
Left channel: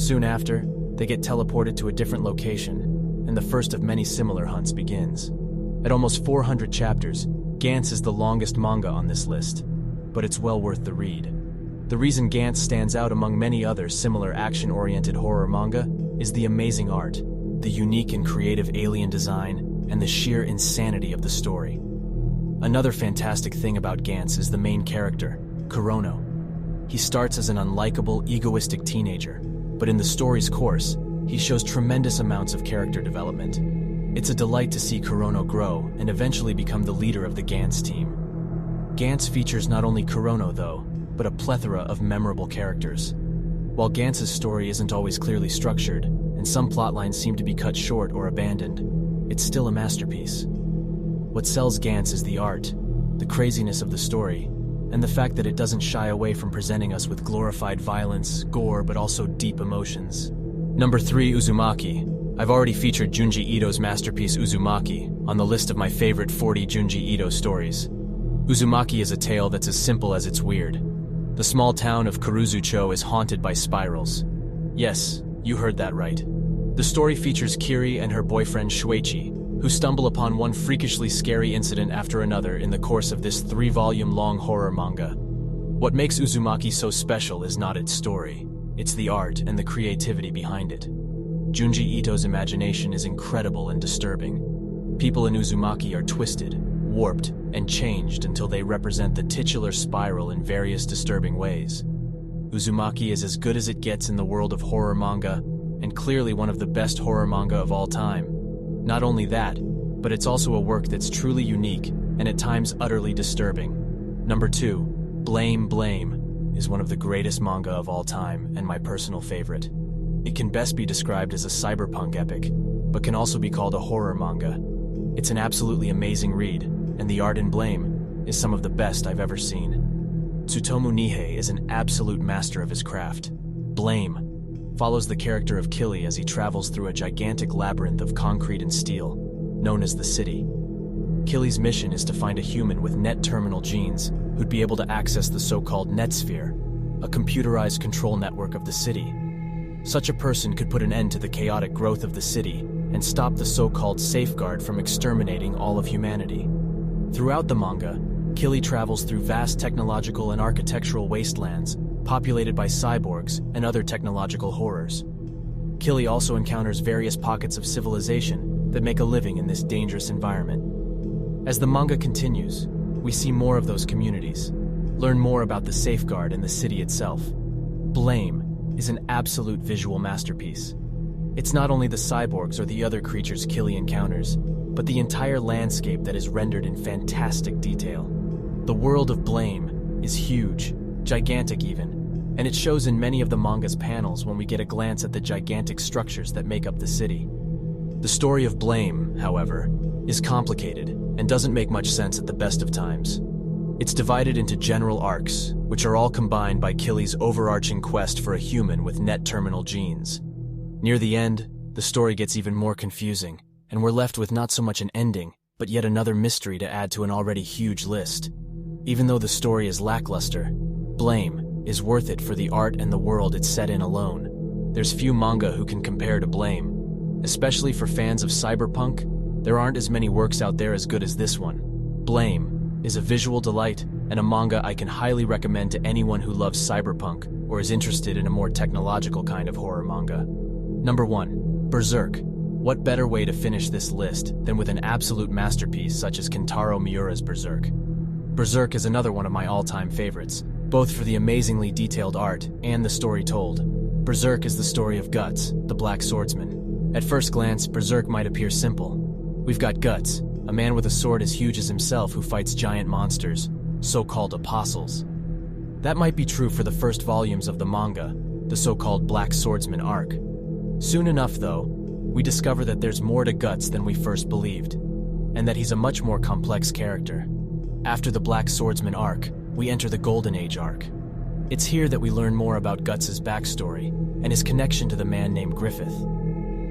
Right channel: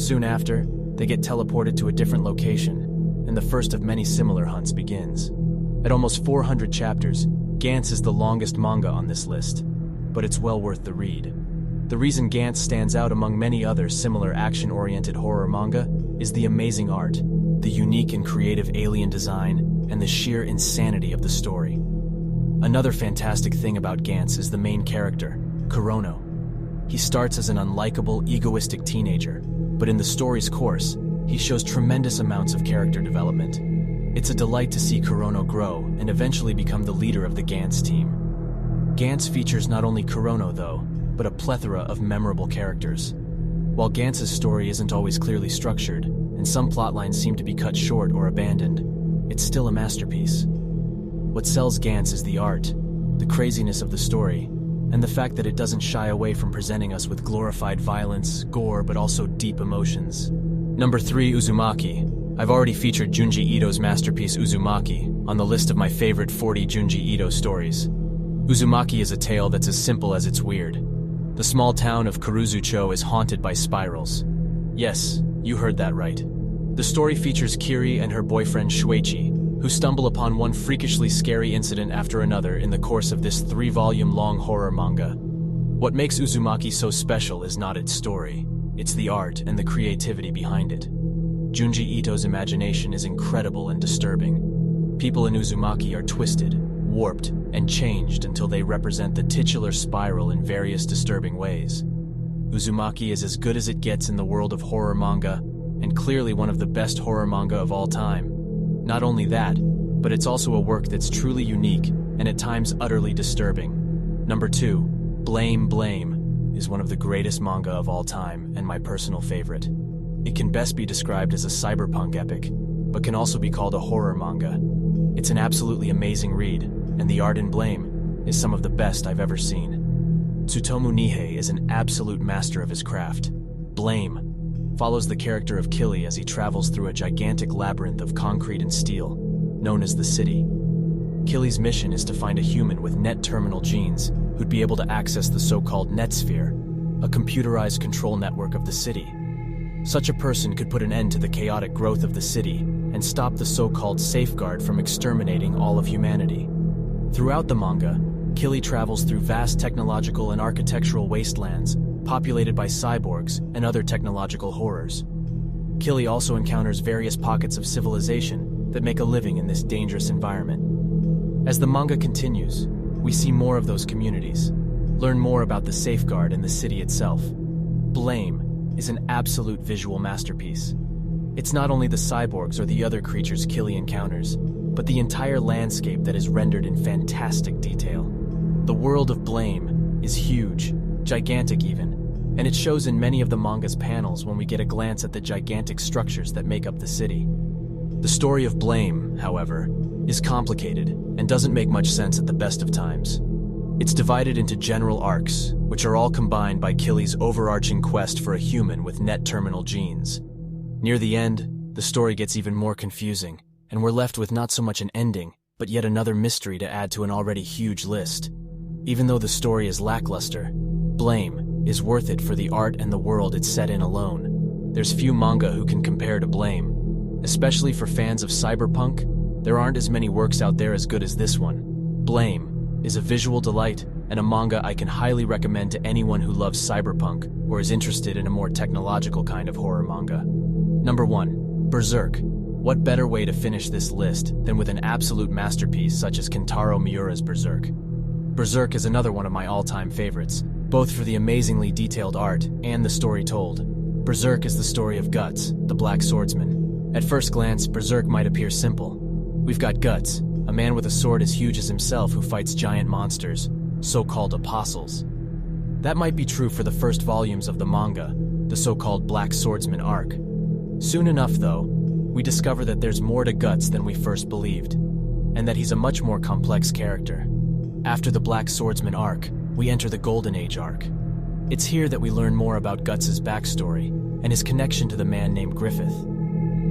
Soon after, they get teleported to a different location, and the first of many similar hunts begins. At almost 400 chapters, Gantz is the longest manga on this list, but it's well worth the read. The reason Gantz stands out among many other similar action-oriented horror manga is the amazing art, the unique and creative alien design, and the sheer insanity of the story. Another fantastic thing about Gantz is the main character, Kurono. He starts as an unlikable, egoistic teenager, but in the story's course, he shows tremendous amounts of character development. It's a delight to see Kurono grow and eventually become the leader of the Gantz team. Gantz features not only Kurono, though, but a plethora of memorable characters. While Gantz's story isn't always clearly structured, and some plotlines seem to be cut short or abandoned, it's still a masterpiece. What sells Gantz is the art, the craziness of the story, and the fact that it doesn't shy away from presenting us with glorified violence, gore, but also deep emotions. Number 3, Uzumaki. I've already featured Junji Ito's masterpiece Uzumaki on the list of my favorite 40 Junji Ito stories. Uzumaki is a tale that's as simple as it's weird. The small town of Kuruzucho is haunted by spirals. Yes, you heard that right. The story features Kiri and her boyfriend Shuichi, who stumble upon one freakishly scary incident after another in the course of this 3-volume-long horror manga. What makes Uzumaki so special is not its story, it's the art and the creativity behind it. Junji Ito's imagination is incredible and disturbing. People in Uzumaki are twisted, warped, and changed until they represent the titular spiral in various disturbing ways. Uzumaki is as good as it gets in the world of horror manga, and clearly one of the best horror manga of all time. Not only that, but it's also a work that's truly unique and at times utterly disturbing. Number 2, Blame Blame is one of the greatest manga of all time and my personal favorite. It can best be described as a cyberpunk epic, but can also be called a horror manga. It's an absolutely amazing read, and the art in Blame is some of the best I've ever seen. Tsutomu Nihei is an absolute master of his craft. Blame follows the character of Kili as he travels through a gigantic labyrinth of concrete and steel, known as the City. Kili's mission is to find a human with net terminal genes who'd be able to access the so-called Netsphere, a computerized control network of the city. Such a person could put an end to the chaotic growth of the city and stop the so-called safeguard from exterminating all of humanity. Throughout the manga, Kili travels through vast technological and architectural wastelands populated by cyborgs and other technological horrors. Kili also encounters various pockets of civilization that make a living in this dangerous environment. As the manga continues, we see more of those communities, learn more about the safeguard and the city itself. Blame is an absolute visual masterpiece. It's not only the cyborgs or the other creatures Kili encounters, but the entire landscape that is rendered in fantastic detail. The world of Blame is huge, gigantic even, and it shows in many of the manga's panels when we get a glance at the gigantic structures that make up the city. The story of Blame, however, is complicated and doesn't make much sense at the best of times. It's divided into general arcs, which are all combined by Kili's overarching quest for a human with net terminal genes. Near the end, the story gets even more confusing, and we're left with not so much an ending, but yet another mystery to add to an already huge list. Even though the story is lackluster, Blame is worth it for the art and the world it's set in alone. There's few manga who can compare to Blame. Especially for fans of cyberpunk, there aren't as many works out there as good as this one. Blame is a visual delight and a manga I can highly recommend to anyone who loves cyberpunk or is interested in a more technological kind of horror manga. Number 1, Berserk. What better way to finish this list than with an absolute masterpiece such as Kentaro Miura's Berserk? Berserk is another one of my all-time favorites, both for the amazingly detailed art and the story told. Berserk is the story of Guts, the Black Swordsman. At first glance, Berserk might appear simple. We've got Guts, a man with a sword as huge as himself who fights giant monsters, so-called apostles. That might be true for the first volumes of the manga, the so-called Black Swordsman arc. Soon enough, though, we discover that there's more to Guts than we first believed. and that he's a much more complex character. After the Black Swordsman arc, we enter the Golden Age arc. It's here that we learn more about Guts' backstory and his connection to the man named Griffith.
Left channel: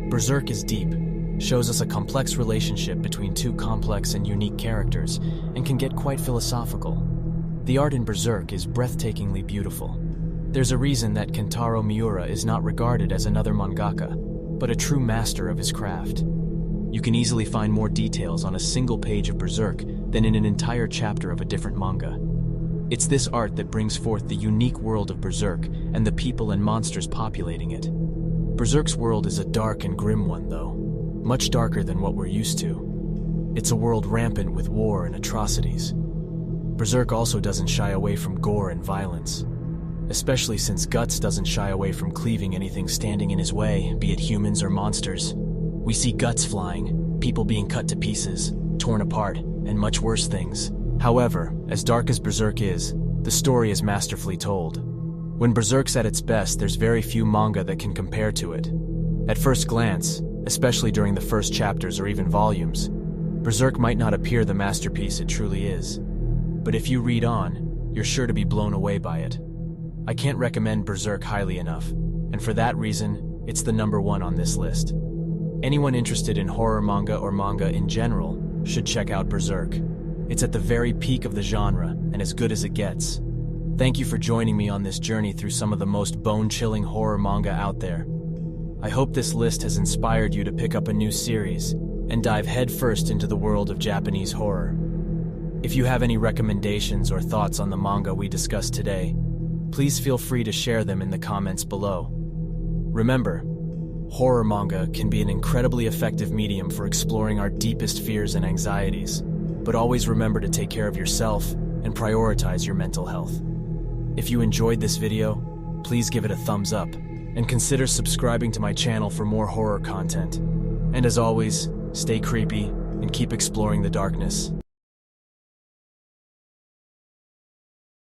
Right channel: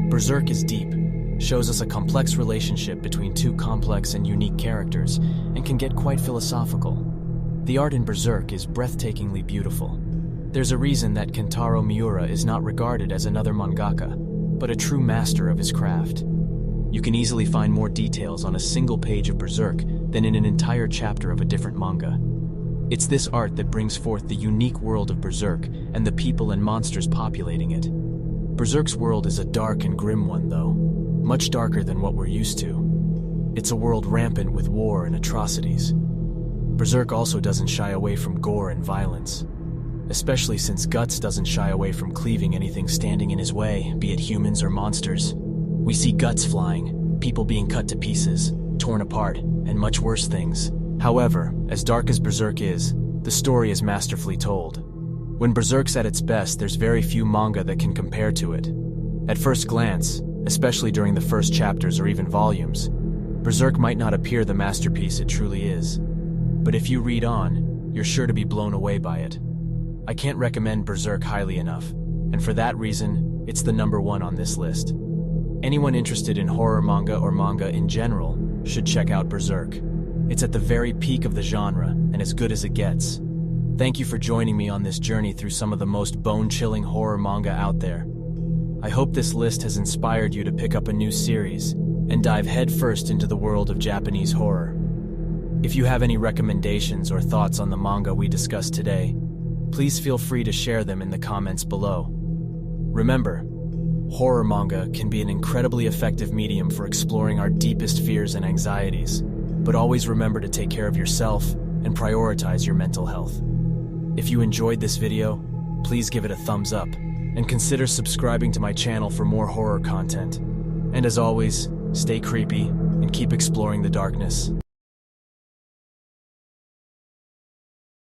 Berserk is deep, shows us a complex relationship between two complex and unique characters, and can get quite philosophical. The art in Berserk is breathtakingly beautiful. There's a reason that Kentaro Miura is not regarded as another mangaka, but a true master of his craft. You can easily find more details on a single page of Berserk than in an entire chapter of a different manga. It's this art that brings forth the unique world of Berserk and the people and monsters populating it. Berserk's world is a dark and grim one, though, much darker than what we're used to. It's a world rampant with war and atrocities. Berserk also doesn't shy away from gore and violence, especially since Guts doesn't shy away from cleaving anything standing in his way, be it humans or monsters. We see guts flying, people being cut to pieces, torn apart, and much worse things. However, as dark as Berserk is, the story is masterfully told. When Berserk's at its best, there's very few manga that can compare to it. At first glance, especially during the first chapters or even volumes, Berserk might not appear the masterpiece it truly is. But if you read on, you're sure to be blown away by it. I can't recommend Berserk highly enough, and for that reason, it's the #1 on this list. Anyone interested in horror manga or manga in general should check out Berserk. It's at the very peak of the genre and as good as it gets. Thank you for joining me on this journey through some of the most bone-chilling horror manga out there. I hope this list has inspired you to pick up a new series and dive headfirst into the world of Japanese horror. If you have any recommendations or thoughts on the manga we discussed today, please feel free to share them in the comments below. Remember, horror manga can be an incredibly effective medium for exploring our deepest fears and anxieties, but always remember to take care of yourself and prioritize your mental health. If you enjoyed this video, please give it a thumbs up and consider subscribing to my channel for more horror content. And as always, stay creepy and keep exploring the darkness.